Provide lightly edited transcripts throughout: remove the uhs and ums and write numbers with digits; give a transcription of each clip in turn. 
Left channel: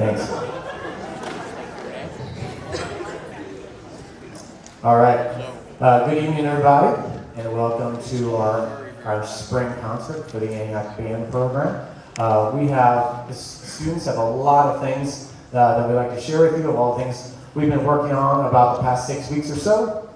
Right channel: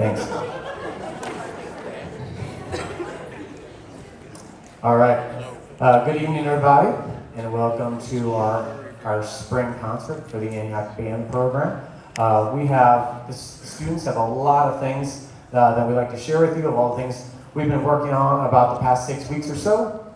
Thanks. All right. Good evening, everybody, and welcome to our spring concert for the Antioch Band program. The students have a lot of things that we'd like to share with you, of all the things we've been working on about the past 6 weeks or so.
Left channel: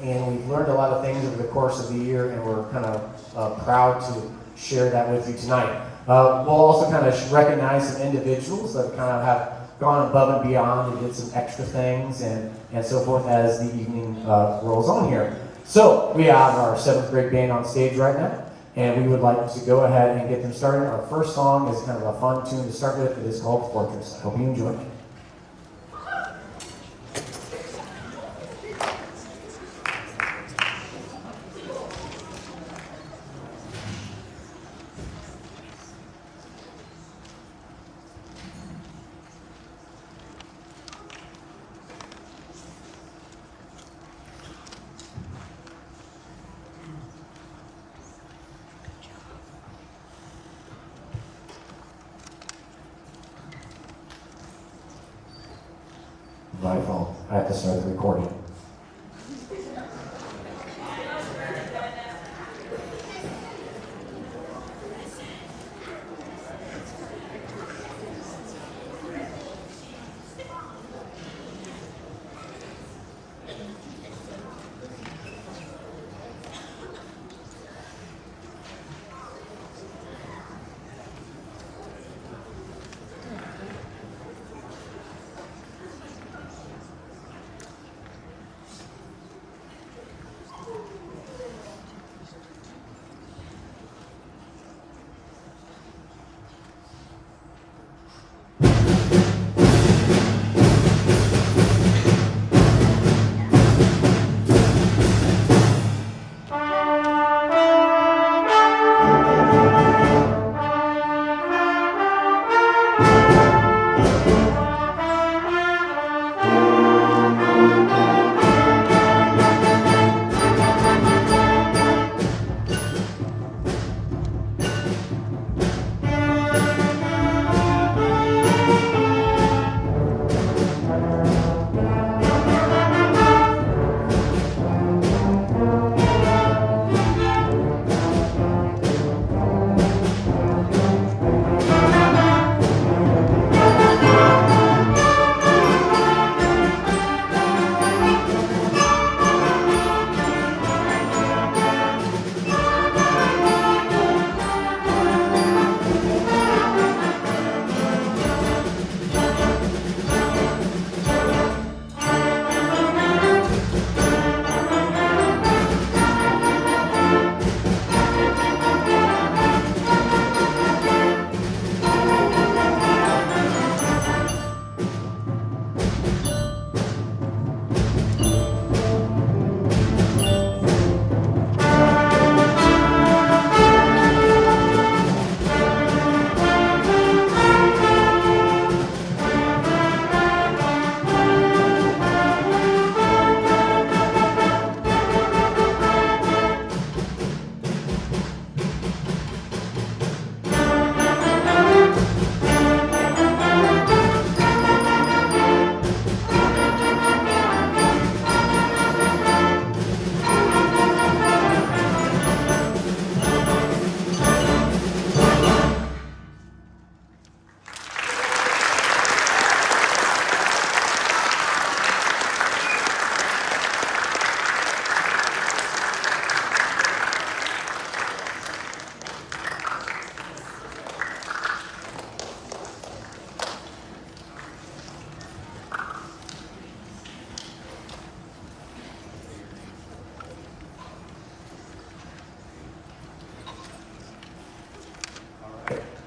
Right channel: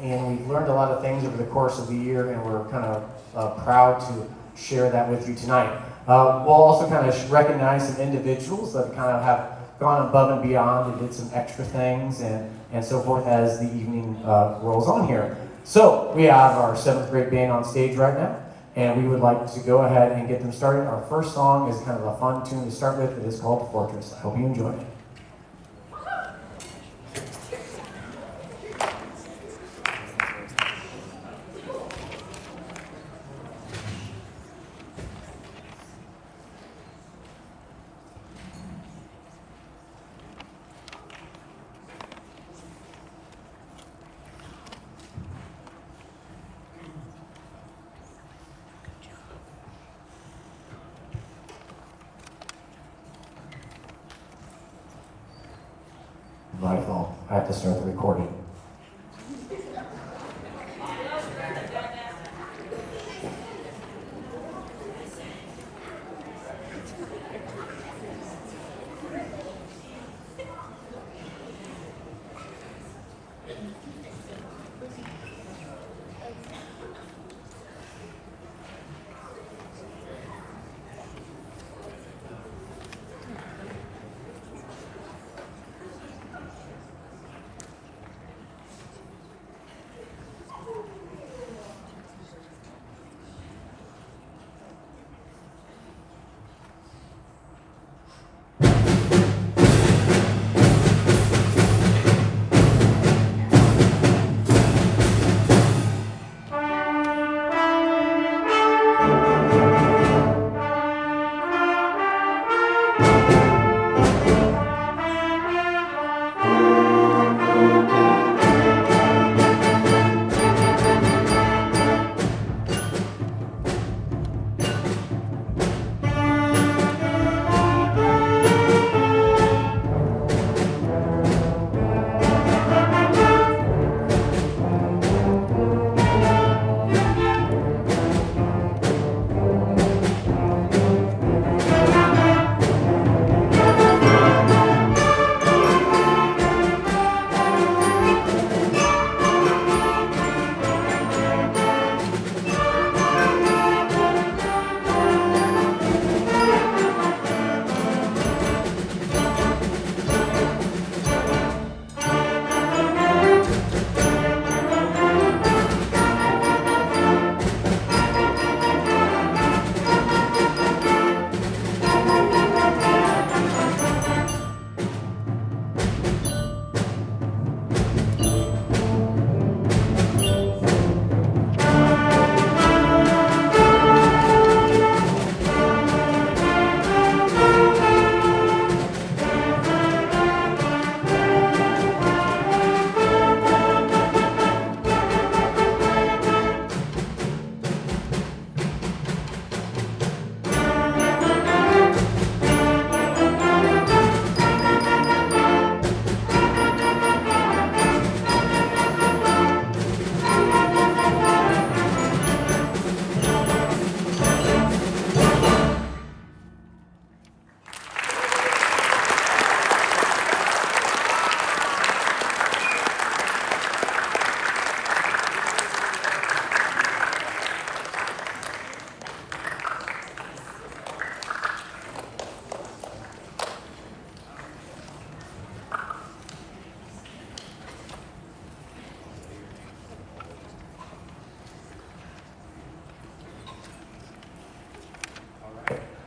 And we've learned a lot of things over the course of the year, and we're kind of proud to share that with you tonight. We'll also kind of recognize some individuals that kind of have gone above and beyond and did some extra things and so forth as the evening rolls on here. So we have our 7th grade band on stage right now, and we would like to go ahead and get them started. Our first song is kind of a fun tune to start with. It is called Fortress. I hope you enjoy it. My fault. I have to start the recording.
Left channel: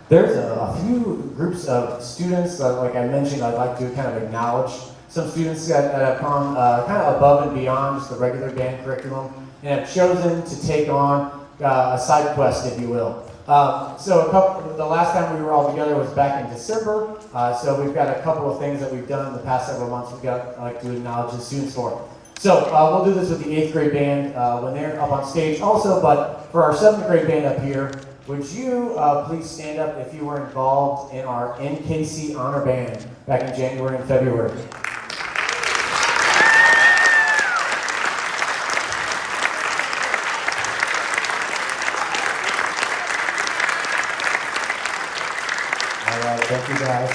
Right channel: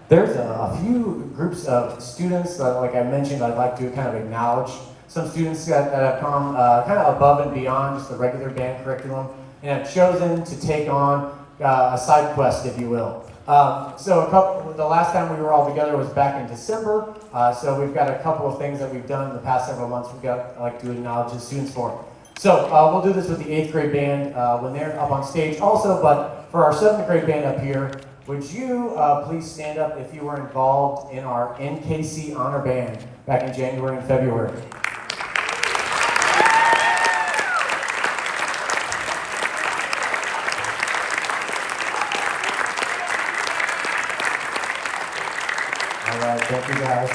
There's a few groups of students that, like I mentioned, I'd like to kind of acknowledge. Some students that have come kind of above and beyond just the regular band curriculum and have chosen to take on a side quest, if you will. The last time we were all together was back in December, so we've got a couple of things that we've done in the past several months I'd like to acknowledge the students for. So we'll do this with the 8th grade band when they're up on stage also, but for our 7th grade band up here, Would you please stand up if you were involved in our NKC Honor Band back in January and February? All right, thank you guys.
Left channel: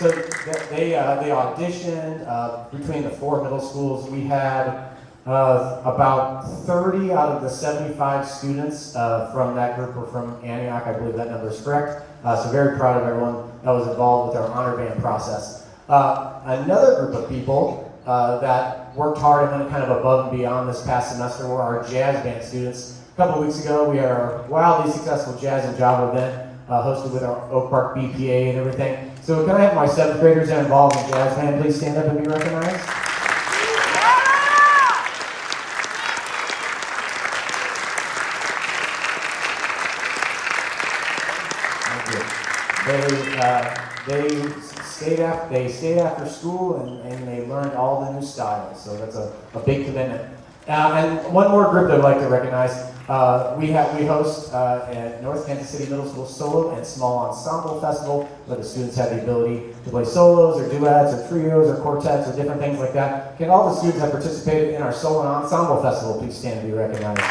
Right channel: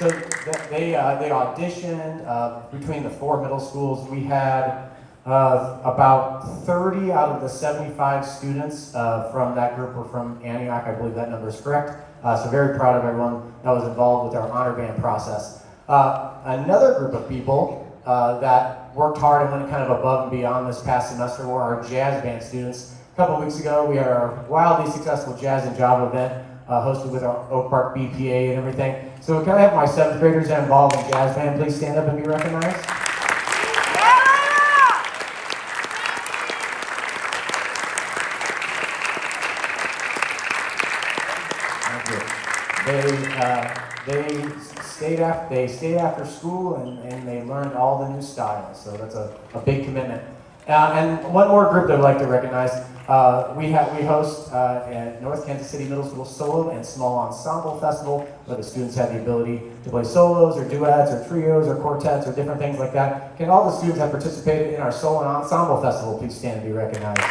So they auditioned between the 4 middle schools. We had about 30 out of the 75 students from that group were from Antioch. I believe that number is correct. So very proud of everyone that was involved with our honor band process. Another group of people that worked hard and went kind of above and beyond this past semester were our jazz band students. A couple of weeks ago, we had our wildly successful Jazz and Java event hosted with our Oak Park BPA and everything. So can I have my 7th graders that are involved in jazz band please stand up and be recognized? They stayed after school and they learned all the new styles. So that's a big commitment. And one more group that I'd like to recognize. We host at North Kansas City Middle School Solo and Small Ensemble Festival, where the students have the ability to play solos or duets or trios or quartets or different things like that. Can all the students that participated in our Solo and Ensemble Festival please stand and be recognized?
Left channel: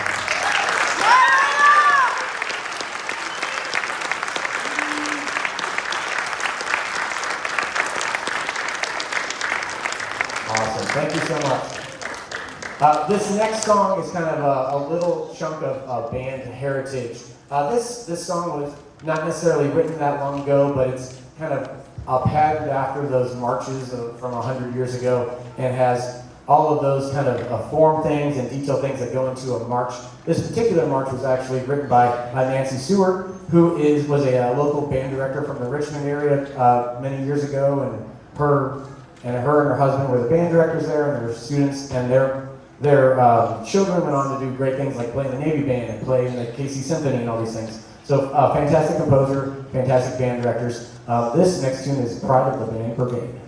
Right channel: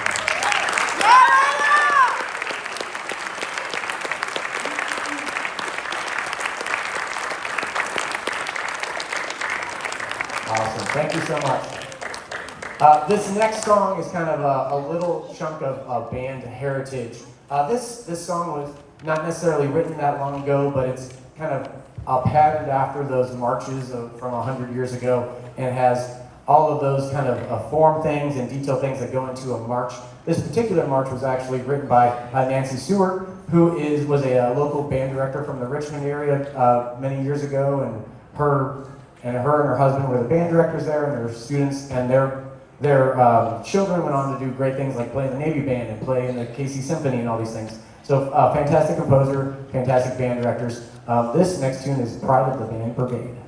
Awesome, thank you so much. This next song is kind of a little chunk of band heritage. This song was not necessarily written that long ago, but it's kind of patterned after those marches from 100 years ago, and has all of those kind of form things and detail things that go into a march. This particular march was actually written by Nancy Seward, who was a local band director from the Richmond area many years ago, and her and her husband were the band directors there, and their students and their children went on to do great things like play in the Navy Band and play in the KC Symphony and all these things. So fantastic composer, fantastic band directors. This next tune is Pride of the Band Brigade.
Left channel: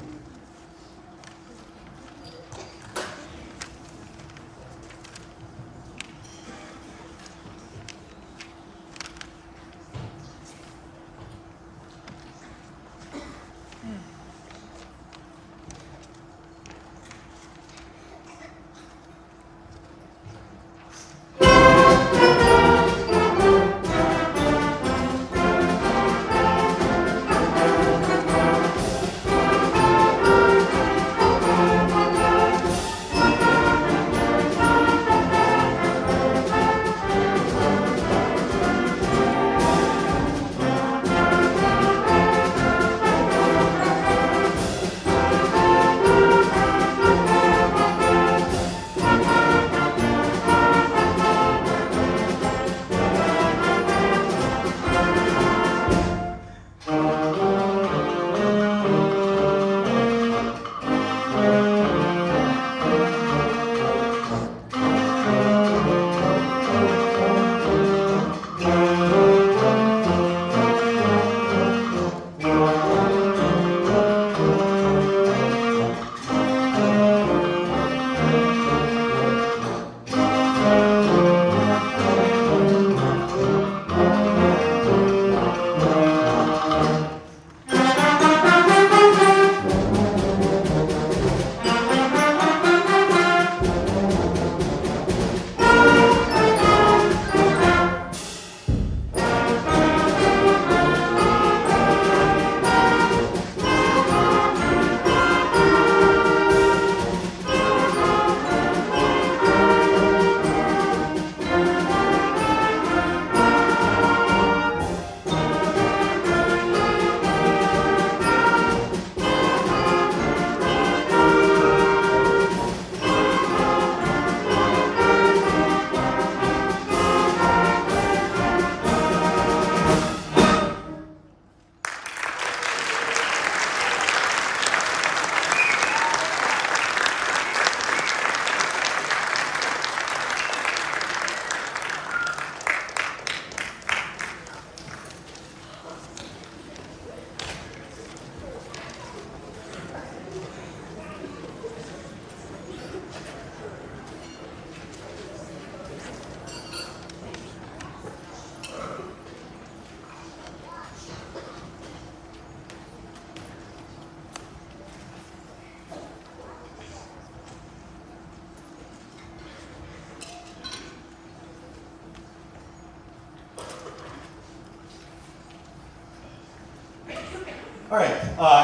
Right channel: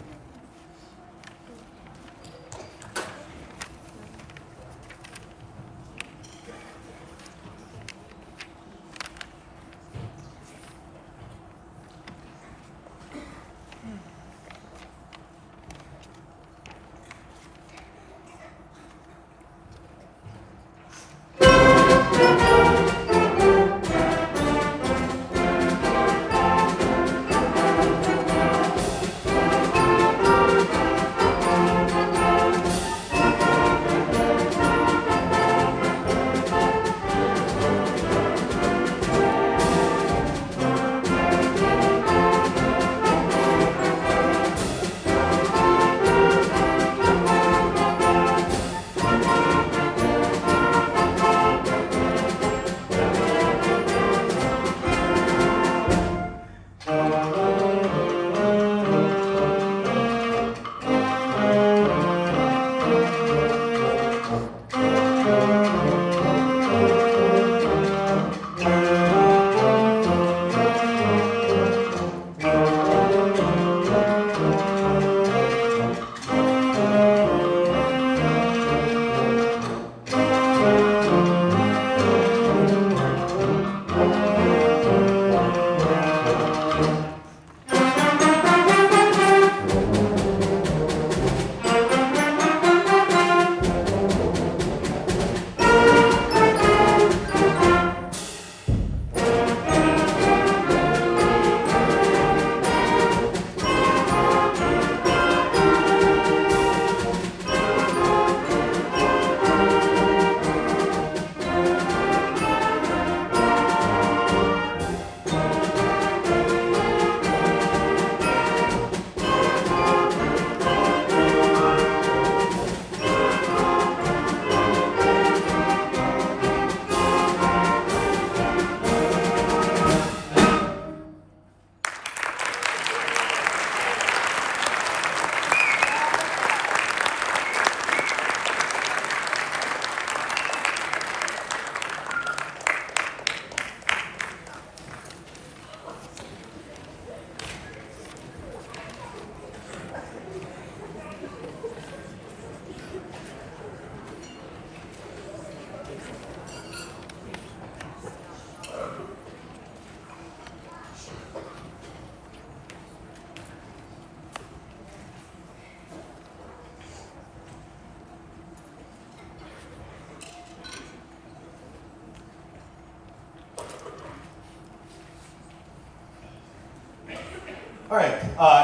All right, in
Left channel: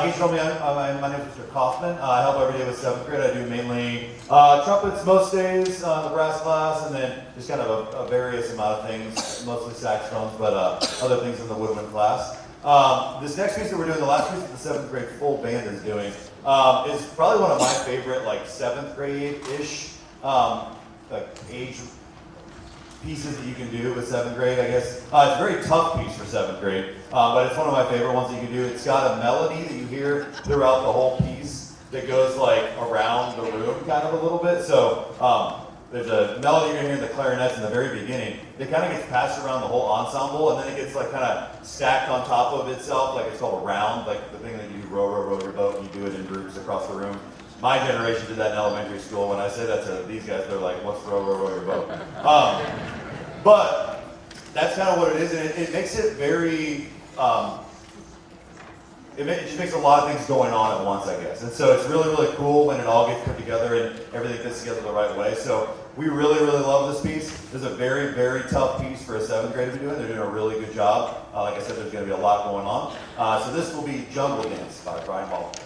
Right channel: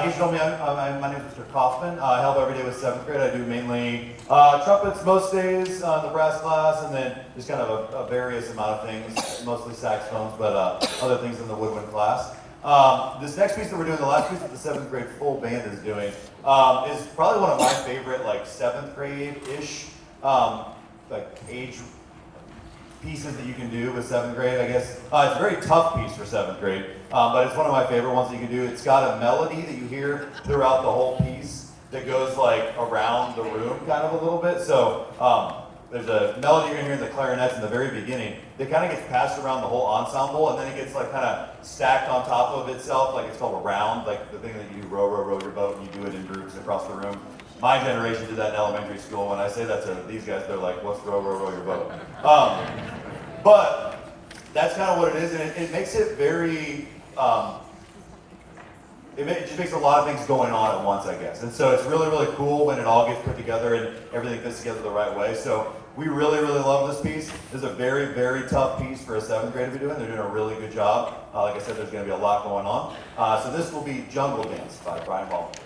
case you don't know me, my name is Mr. Kaufman. I help every day with 7th grade. I do mainly trumpets most days, the brass class, and then just kind of a various amount of things, mostly saxophones, but other things in the woodwind class. This next piece that we're doing, the last piece that the 7th grade full band is doing, is probably one of my favorite, like 7th grade-ish, like age pieces that you can do with 7th grade, I guess. It's a very tough piece for 7th grade, but it's one of my favorite ones that you can do. It's got a melody that you hear throughout the whole piece that goes like around the room kind of a little bit. So there's a melody you're gonna hear in the clarinets in the very beginning. It kind of gets passed around the whole ensemble, and then it gets like kind of stacked on top of itself, like it's called a round, like the thing that you do row, row, row your boat, and you do it in groups across the room. My generation did that in elementary school. When I say that to these guys, they're like, what's row, row, row your boat? But that's kind of what it is, and it makes it very, it just makes a lot of things going on at once, I guess. And so it's really, really cool when it all gets put together and everything fits together the right way. So we really, really love this piece. This is a very, very tough piece for a 7th grade to be doing. They're doing a really good job. Like I said, there's going to be a lot going on. So this will be Jungle Dance by Brian Baldwin.